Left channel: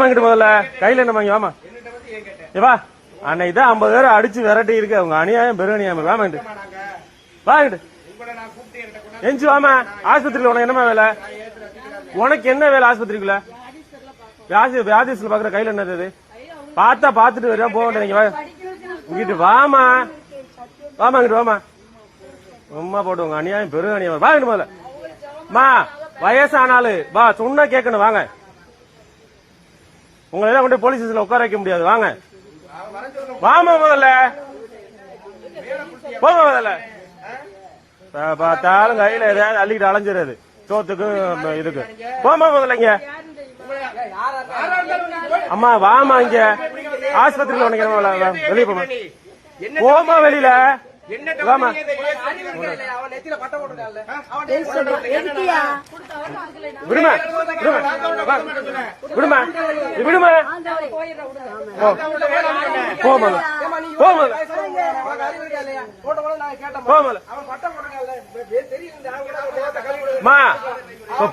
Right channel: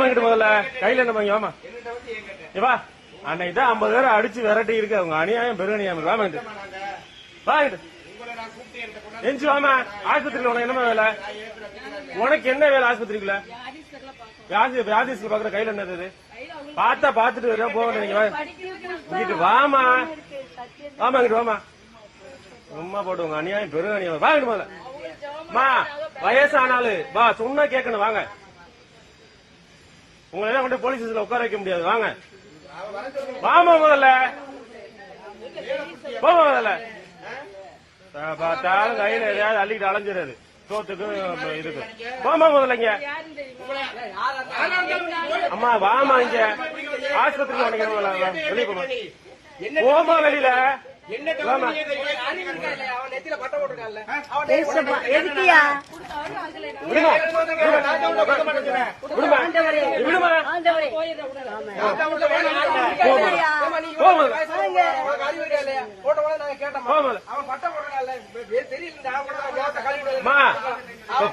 முதல்ல கையில என்ன வாங்கி வாமா வா அன்னைக்கு தான் 50 பேரை அடிச்சு விரட்டி இருக்கு அவங்க அநியாயம் பெரு அநியாயம் வாங்கிட்டு வாங்கிட்டு எஞ்சி வாமா ஆஸ்பத்திரியில உனக்கு என்னமா வேலை உனக்கு என்ன வேலை ஆஸ்பத்திரிக்குள்ள வியாதிஸ்ல பாக்குற கையில என்னது பார்த்தா பாத்துட்டு வரையா போக வேண்டிய வாமா வாமா இங்கிட்டு வாமா உமா போடுவாங்க அநியாயம் பெரு அநியாயம் வாங்கிட்டு முதல்ல மா வயசானாலும் வா சொன்னா கேட்கணும் வாங்க உங்களை கொண்டு போலீஸ் ஸ்டேஷன்ல உட்கார வைக்க முடியாது வாங்க வாமா முதல்ல போங்க முதல்ல பார்த்தாலும் கையில ஏதாவது அள்ளிட்டு அலைஞ்சிடாது சோத்துக்கு இதுக்கு போமா முதல்ல அம்மா வாமா இங்க ஆஸ்பத்திரியில் உனக்கு வெளியே போமா போமா வெளியில விடுமா விடுமா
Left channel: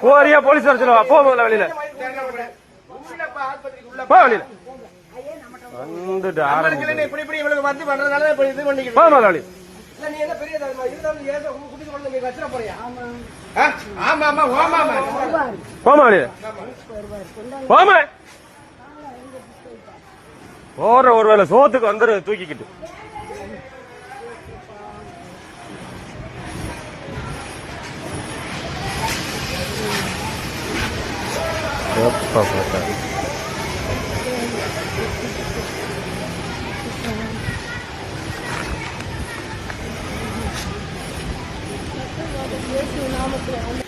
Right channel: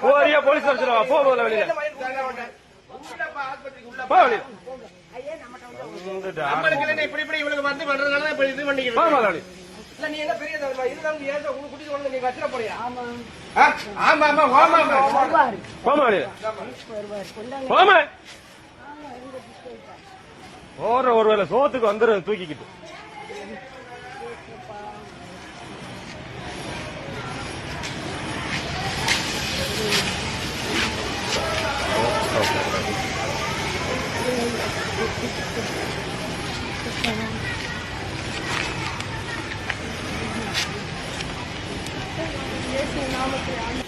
போறியா போலீஸ் வர சொல்லுவா போகல வெளியில போ வெளியில போற ஒருவேளை சோத்துக்கு வந்துரு தூக்கிக்கிட்டு நாமத்தில்